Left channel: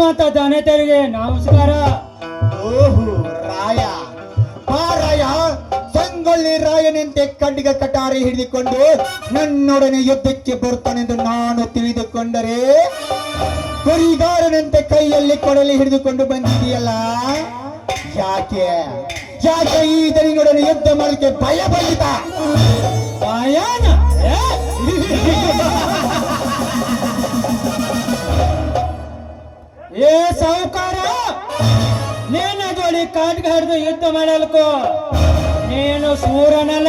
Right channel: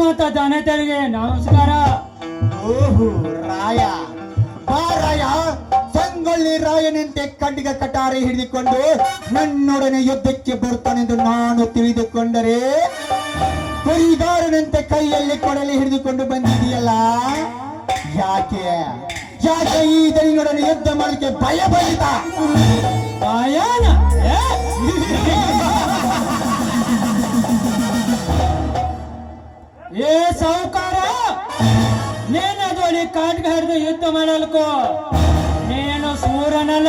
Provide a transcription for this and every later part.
ಗ್ರಾಮದ ಜನತೆಯರಿಗೆ ನಮಸ್ಕಾರ. ಓಹೋ ರಾಯ, ಬಾ ರಾಯ. ಸಂಗೊಳ್ಳಿ ರಾಯನಂತೆ ಖಡ್ಗ ಕಟಾರಿ ಹಿಡಿದುಕೊಂಡು ನನ್ನೊಡನೆ ಯುದ್ಧಕ್ಕೆ ಬರ್ತಾನೆಂದು ನಾನು ತಿಳಿದುಕೊಂಡರೆ ಕುರಿಗಾರನಂತೆ ಕೈಯಲ್ಲಿ ಕೊಡಲಿ ಹಿಡಿದುಕೊಂಡು ಬಂದಿದೆಯಲ್ಲ, ಯಾಕೆ ಯಾಕೆ ಈ ದನಿಯೊಡನೆ ಯುದ್ಧ ಮಾಡಲಿಕ್ಕೆ ಭಯ ಬಂದಿತ? ಭಯನ? ಏ ಸಾಹುಕಾರ, ನೀನು ಜೋಡಿ ಖಡ್ಗ ಹಿಡಿದು ಯುದ್ಧ ಮಾಡಲ್ಕೋ. ನೀನು ಸೂರನಲ್ಲ,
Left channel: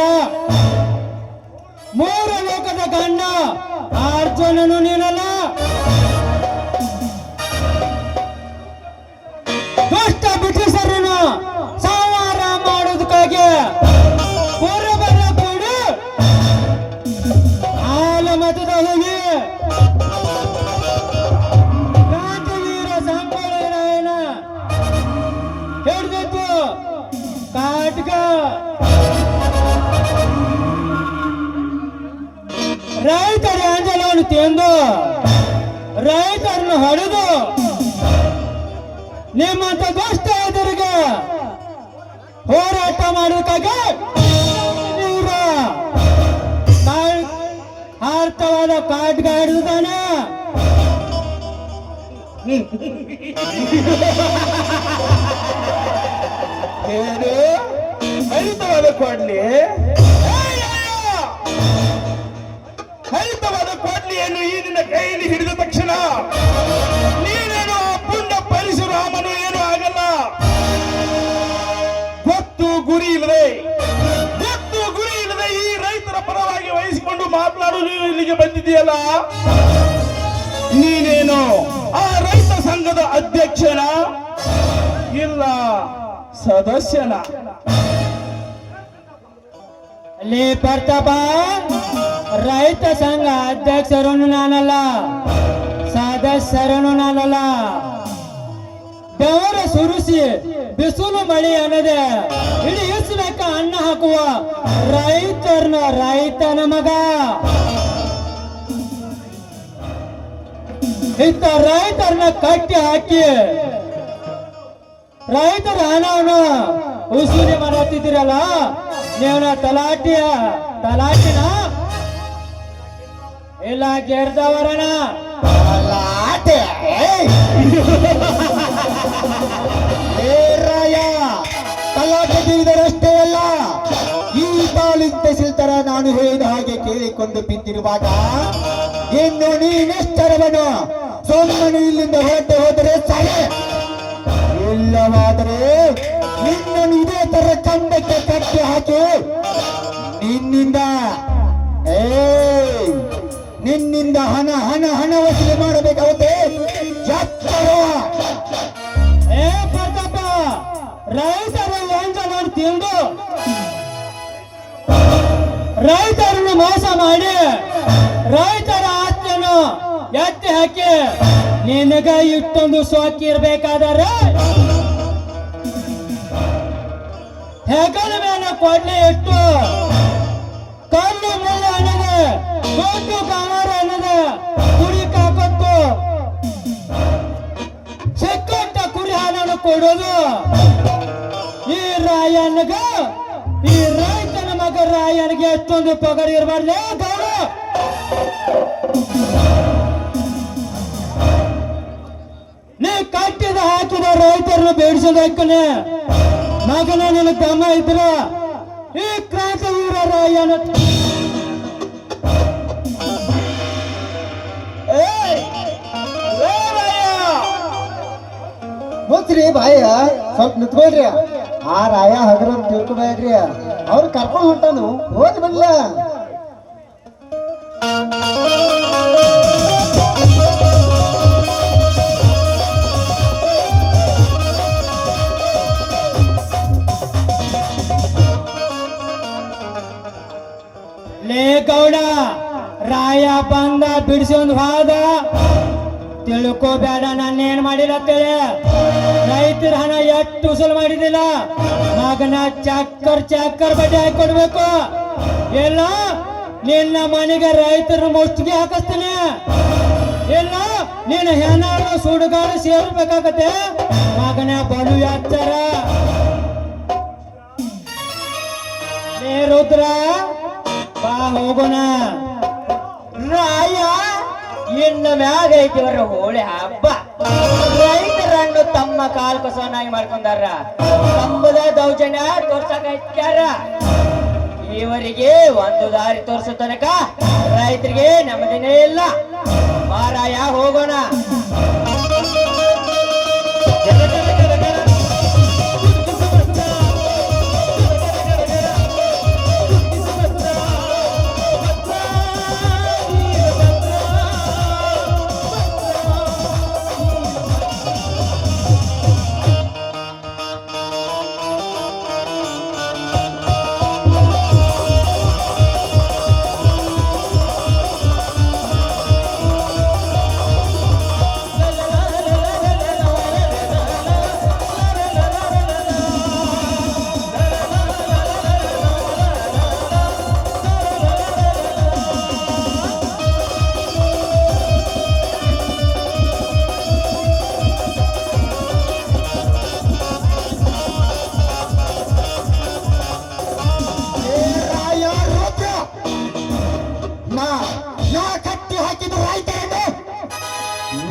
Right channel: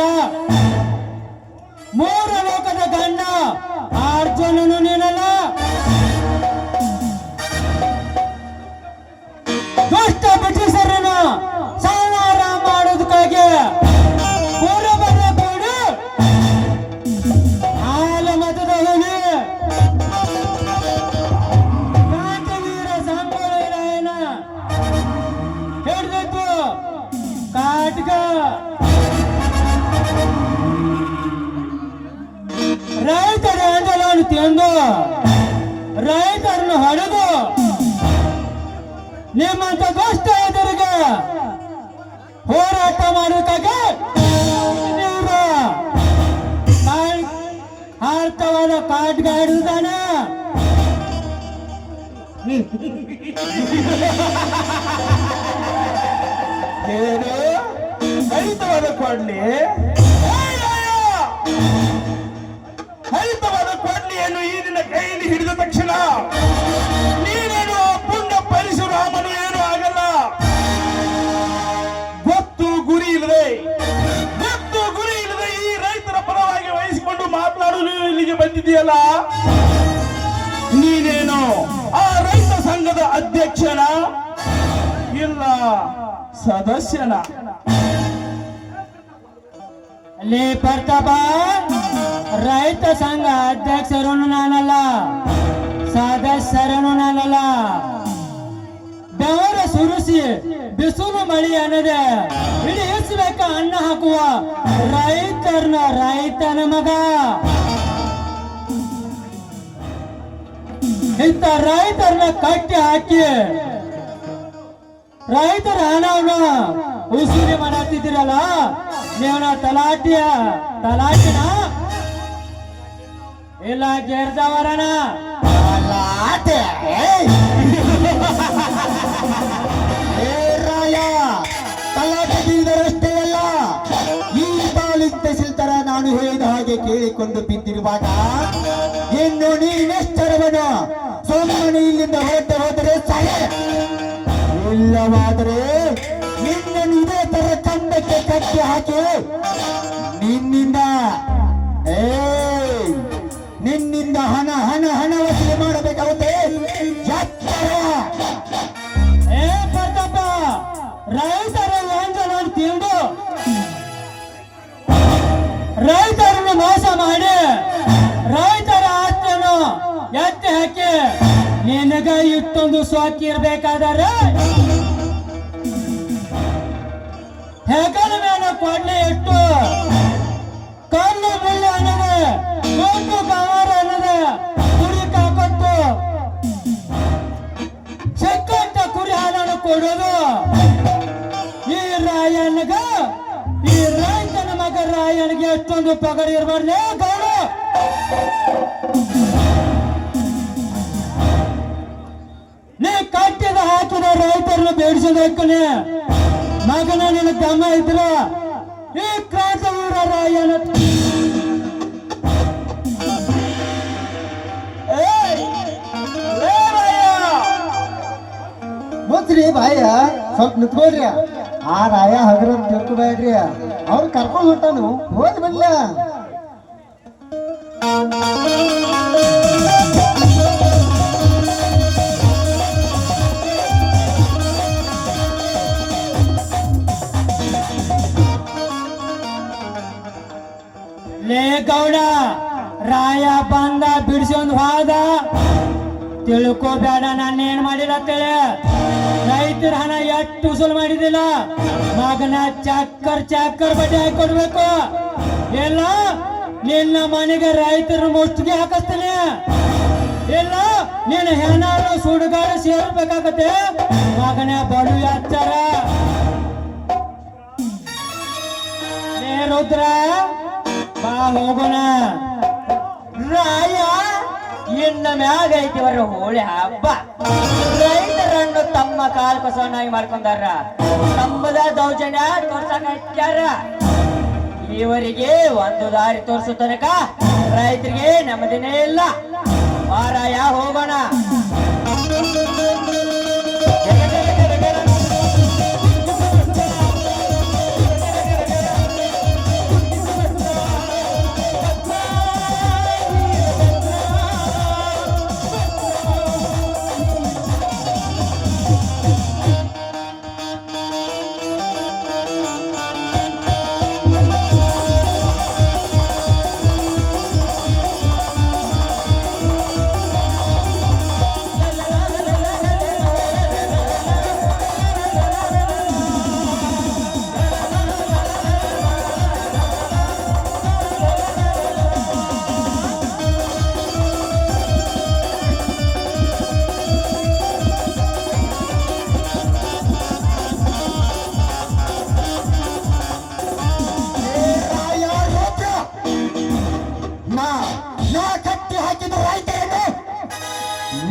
ಮೂರು ಲೋಕದ ಗಂಡ ಅರ್ಜುನನು ನೀನಲ್ಲ. ದುಷ್ಟ ಬ್ರಿಟಿಷರನ್ನು ಸಂಹಾರ ಮಾಡೋದಕ್ಕಾಗಿ ಪೂರ್ವಬಲ್ಲ ಕೂಡ ಹಾಲು ಮತದ ಹುಲಿ ಕ್ರಾಂತಿವೀರ ಸಂಗೊಳ್ಳಿ ರಾಯನ ಹಿಡಿದಿತ್ತು ಖಡ್ಗ. ರೈತರ ಅಂಜಲನ್ನು ತಿಂದು ರೈತರನ್ನು ಹೊಡೆದು ನಿಮ್ಮಂತ ದುಷ್ಟ ಎದುರಿಗೆ ಹೋರಾಟ ಮಾಡೋದಕ್ಕಾಗಿ ಇವ್ರು ಅರ್ಥವಾದ ಖಡ್ಗ ಹಿಡಿದಾನೆ. ಏನು ಹರಿತವಾದ ಕೊಡ್ಲಿ? ಹರಿತವಾದ ಕೊಡ್ಲಿಯನ್ನು ಈ ನಿನ್ನ ಕೈಯಲ್ಲಿ ಹಿಡಿದ ತಕ್ಷಣ ನೀನೇನು ಪುಣ್ಯ ಪರಶುರಾಮನು ಏನು ಆಗಲ್ಲ. ಗೊತ್ತು ಗುರಿ ಇಲ್ಲದೆ ಈ ರೈತರ ಪರವಾಗಿ ವಹಿಸಿಕೊಂಡು ಮಾತನಾಡಲು ನೀನು ಇಲ್ಲಿಗೆ ಬಂದಿದೆಯಲ್ಲ, ನೀನೇನು ಆ ರೈತ ಸಂಘದ ಅಧ್ಯಕ್ಷನ ಇಲ್ಲ ಸದಸ್ಯನ? ಅಲ್ಲಿ ಪ್ರತಾಪ, ರೈತ ಸಂಘ ಅಧ್ಯಕ್ಷರನ್ನು ನಾನಲ್ಲ, ಸದಸ್ಯರನ್ನು ನಾನಲ್ಲ. ಬೆವರ ಸುರಿಸಿ ಬಿಸಿಲು ಮಳೆ ಅನ್ನದೆ ಇಡೀ ಇಳಿಸಬೇಕ ಅನ್ನ ಹಾಕುವ ರೈತನ ಮಗ. ಇಂಥ ರೈತರನ್ನ ಕಟ್ಟಿ ಹಾಕಿ ರೈತರ ಹಣವನ್ನು ಉಸೂರಿ ಮಾಡತ್ತಿದ್ದೀರಲ್ಲ, ನೀವನ ತಲಾಟಿನ ಇಲ್ಲ ಗೆರ್ದವರಣ ರಾಯ. ತಲಾಟೆ ಬೀದರಷ್ಟೇ ಅಲ್ಲ, ಈ ಬಾಲಿಂದ ಸಿಲ್ತರ ನಾನು ಹೇಳಿದ ಹಾಗೆ ಕೇಳಿಕೊಂಡು ಬಿದ್ದಿರುವಾಗ ಇನ್ನು ನೀನೆಷ್ಟರವನ ಸೊಮ್ಮನೆ ಇಲ್ಲಿಂದ ಹೋದರೆ ಸರಿ, ಇಲ್ಲವಾದರೆ ನಿನ್ನನ್ನು ಇದೇ ತರ ಕಂಡಕ್ಕೆ ಕಟ್ಟಿ ಹಾಕಿ ನಿನ್ನಿಂದ ಹಣ ವಸೂಲಿ ಮಾಡಬೇಕಾಗುತ್ತೆ. ಏ ಪ್ರತಾಪ, ರೈತರ ವಂಚನೆ ತಿಂದು ರೈತರನ್ನು ಮೋಸ ಮಾಡಿ ರೈತರ ಆಸ್ತಿಯನ್ನು ಎತ್ತಿ ಹಾಕಿ ನಿನಗ ಇಷ್ಟೊಂದು ಸ್ವಾಕಿ ಇರ್ಬೇಕಾದರೆ ಹೆಗಲ ಮೇಲೆ ಕೊಡ್ಲಿ ಎಷ್ಟು ಕಲ್ಲು ಮುಳ್ಳು ಅನ್ನದೆ ದೊಡ್ಡ ಗವಾರ ಅನ್ನದೆ ಕುರಿ ಕಾಕತ್ತು ಸಿಕ್ಕಂತ ಕುರಿ ಹಾಲನ್ನು ಕೊಡೋದು ಈ ರಾಯನಿಗ, ಈ ರೈತನ ಮಗ ರಾಯನಿಗೆ ಎಷ್ಟೊಂದು ಪಗಾರ ಇರಬಾರ್ದು ಗೌಡ. ನೀ ಕಟ್ಟಿದ ಹಾಕಿದ ರೈತರನ್ನು ಬೇಡಿಸೋದಕ್ಕನೆ ಮಗನೇ ನಿನ್ನ ಗಮ ಇದ್ದಿಲ್ಲ. ಈ ಕ್ರಾಂತಿವೀರ ರಾಯನ ಮುಚ್ಚ್ರಿ ಬಾಯ, ಸ್ವಲ್ಪ ನಿಂತ್ಕೊಳ್ರಿ. ಆ ರಾಯ ಹಗರ ತಿಳ್ಕೊಬೇಡ್ರಿ, ಅವ್ರು ಕರ್ಕೊಂಡು ಹೊಂಟಾನು, ಹೋಗಿ ಬನ್ಲ. ಲೇ ಗೌಡ, ರಾಯ ಬಂದ ಬಿಡಿಸೊಂದು ಹೋದ, ತಿಳ್ಕೋಬೇಡ ನಾನೇನ್ ಮಾಡಿಲ್ಲ ಅಂತೇಳಿ. ರೈತರ ಹಣ ಎಷ್ಟು ವಸೂಲು ಮಾಡಿದಿಲ್ಲ, ಮಗನ ಚಕ್ಕರ್ ಬಡ್ಡಿ ಹಾಕಿ ಕೊಡ್ಬೇಕು. ಇಲ್ಲ ನಿನ್ನ ಮನೆಗೆ ರೈತರ ಮುಷ್ಟಿಗೆ ಹಾಕಿಸ್ತಾನೆ, ಇಲ್ಲ ನೀನು ಹೆಣ್ಣಾಳು ಸುಡುಗಾಡು ಸೇರ್ಬೇಕಾಗತ್ತೆ ಮಗನ ಬಲು ಯಾಚಾರ ಲೇ ರುದ್ರ ಬಾ ಹೋಗೋಣ ರಾಯ ಇನ್ನ ಮ್ಯಾಗ ಐತಿವರ ಹೋಳಿ ಹಬ್ಬ ರೈತರನ್ನು ತಮ್ಮ ಕಾಲ್ ಕಸವನ್ನಾಗಿ ಮಾಡ್ಕೊಂಡಾರ ತಮ್ಮದ ದೌರ್ಜನ್ಯ ತೋರ್ಸಾಕ ಹಚ್ಚಾರ ಇವರಿಗೆ ಒಂದು ದಾರಿ ತೋರಿಸೋ ತನಕ ರೈತರಿಗೆ ನೆಮ್ಮದಿನೇ ಇಲ್ಲ ಮಾರಾಯ ಹೋಗೋಣ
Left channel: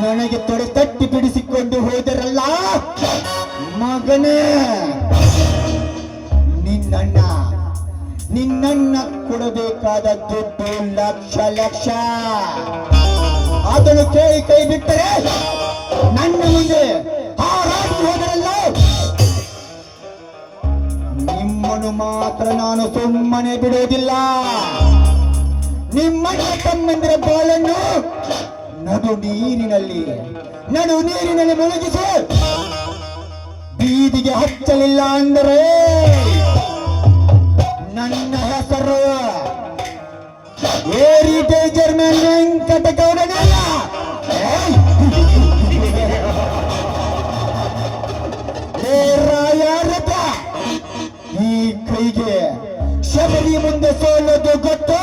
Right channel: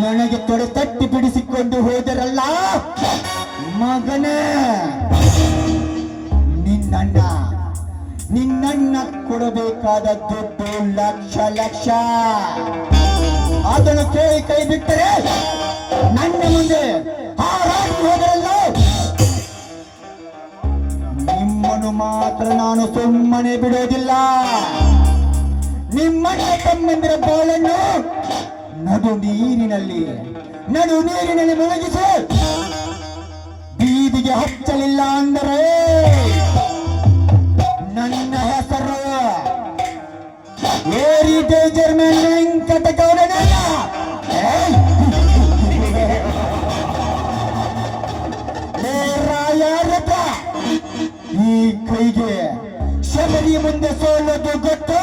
ನನಗೆ ತೊಡೆ ತಟ್ಟಿ ಬಿಡಿಸಿಕೊಂಡು ಹೋದರಲ್ಲ ಮಗನೇ ನಿನ್ನಣ್ಣ ಕೊಡಬೇಕಾದ ದುಡ್ಡು ಲಕ್ಷ ಲಕ್ಷ ಅದನ್ನು ಕೇಳಿ ಕೈ ಬಿಟ್ಟರೆ ನನ್ನ ಮುಂದೆ ಹಾರಾಡಿ ಹೋದರಲ್ಲ ನಿಮ್ಮನ್ನು ಮಾತ್ರ ನಾನು ಸುಮ್ಮನೆ ಬಿಡೋದಿಲ್ಲ ನಿಮ್ಮಣ್ಣ ತಮ್ಮಂದಿರ ಬಾಳನ್ನು ನಡು ನೀರಿನಲ್ಲಿ ಮುಳುಗಿಸಿ ಬೀದಿಗೆ ಹಚ್ಚಲಿಲ್ಲ ಅಂದರೆ ನನ್ನ ಹೆಸರು ಏರಿಟೇಜರ್ ಮೇಲೆ ವೆಂಕಟಗೌಡನಲ್ಲ ರಾಯಾರಥ ಈ ಕೈಗೆ ಶಬರಿ ಮುಂದೆ ಸೋಲೋದು ಗೊತ್ತು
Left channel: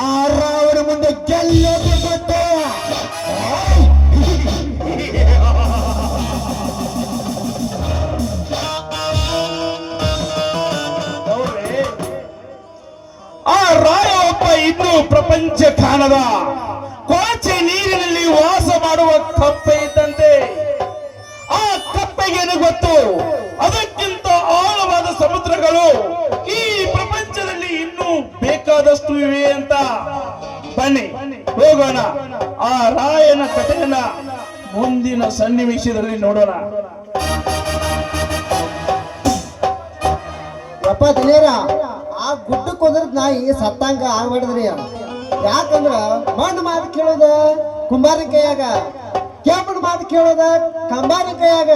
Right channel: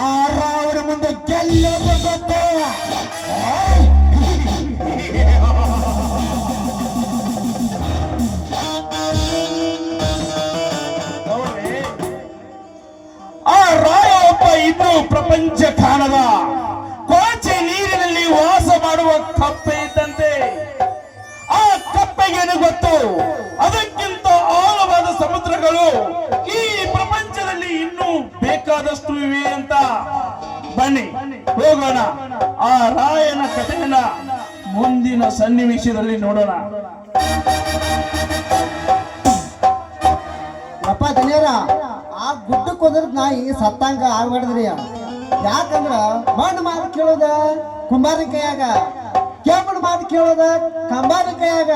ಆ ರಾವಣ ಮುಂದೆ ಗೆಲ್ಲೋದು ಗೊತ್ತು ಇನ್ನು ಪ್ರಪಂಚ ಕಾಣದ ಕೊಳಚೆ ನೀರಿನಲ್ಲಿ ವಾಸ ಮಾಡುವ ಕಪ್ಪೆ ಇದ್ದಂತೆ ಆ ಕಪ್ಪೆಗೇನು ಗೊತ್ತು ಅದಕ್ಕಿಂತ ಆಳವಾದ ಸಮುದ್ರಗಳು ಈ ಪ್ರಪಂಚದಲ್ಲಿ ಇನ್ನೂ ಬೇಕಾದಷ್ಟು ಇವೆ ಅಂತ ಬನ್ನಿ ಹೋಗೋಣ ಆ ರಾಯನ ಕಥೆಯನ್ನ ಮುಂದಿನ ಸನ್ನಿವೇಶದಲ್ಲಿ ನೋಡೋಣ ಯಪ್ಪ ದನಿಯಾರ ಆ ಗುಡ್ಡಕ್ಕೆ ಹೋದ್ರ ನಾಯಿ ಸತ್ತಂಗ ಆಗ್ಬಾರ್ದ್ರಿ ಯಾಕಂದ್ರ ಮಣ್ಣು ಮಾತು ಕೇಳೋದ ಕುಂಬಾರಿನ ಕೈಯಾಗ ಕೆಂಪನ ಮಾತು ಕೇಳೋದ ಕಂಬಾರಿನ ಕೈಯಾಗ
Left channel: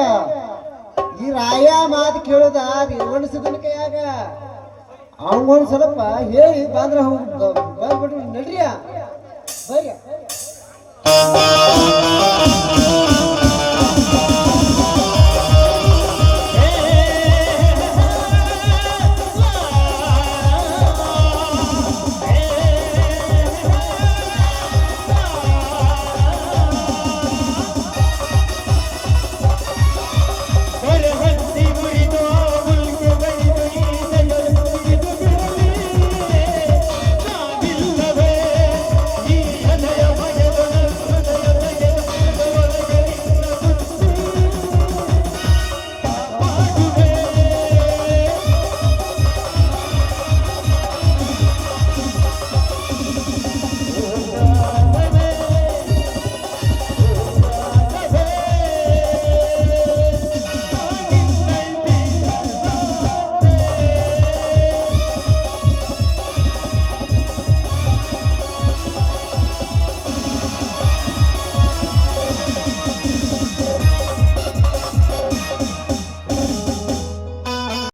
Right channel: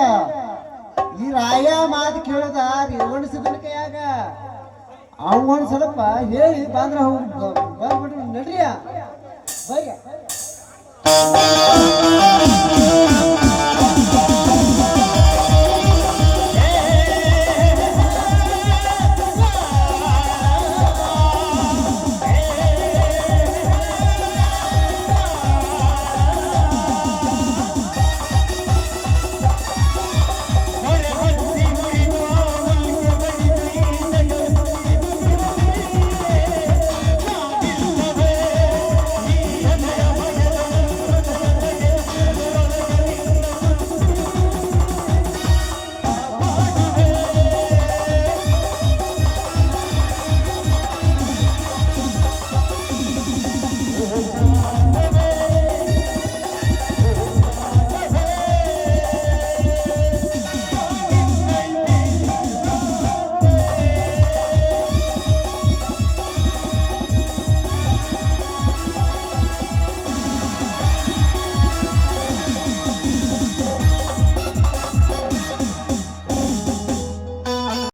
ಈ ರಾಯ ಮಾತು ಕೇಳೋದ ರೇವಣ ಸಿದ್ದನ ಕೈಯಾಗ ಅವಂಗೊಂದ್ ಸ್ವಲ್ಪ ಹೇಳಿ ಬಂದ್ರ ಬಂದ್ಬಿಡ್ರಿ ನಡ್ರಿಯ ಬಯ್ಯ